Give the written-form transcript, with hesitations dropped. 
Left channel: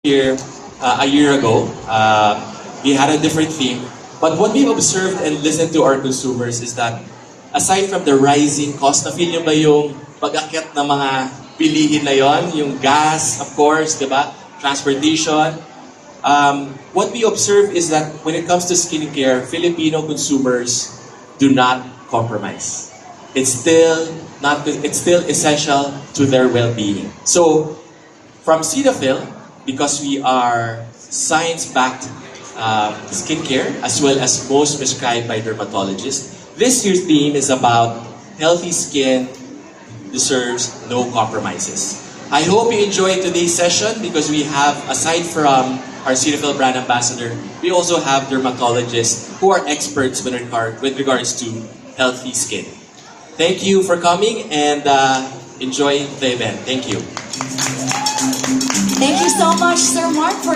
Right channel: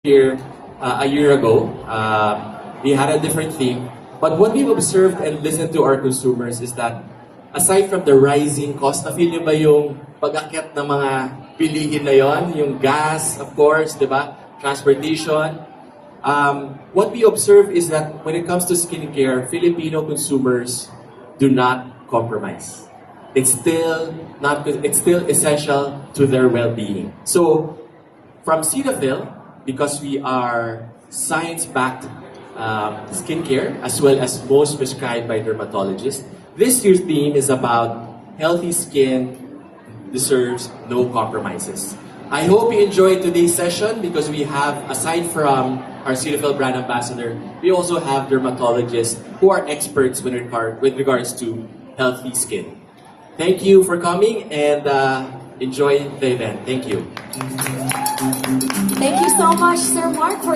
here a year ago. We had a different theme. But what we've observed and listened to our consumers is that aside from the rising cost, na-feel nyo ba yung pag-akyat ng mga bilihin na yon, yung gas, of course, di ba? Transportation. What we observe is that when it comes to skincare, Filipino consumers do not compromise. It's still essential to their well-being. So, from Cetaphil, because we are science-backed skincare as well as most prescribed by dermatologists, this year's theme is about healthy skin deserves no compromises. I hope you enjoyed today's session because we have, aside from our Cetaphil brand ambassador, we also have dermatologists who are experts with regards to healthy skin. Thank you for coming and enjoy the event. Thank you. Thank you so much, Sir Mark, for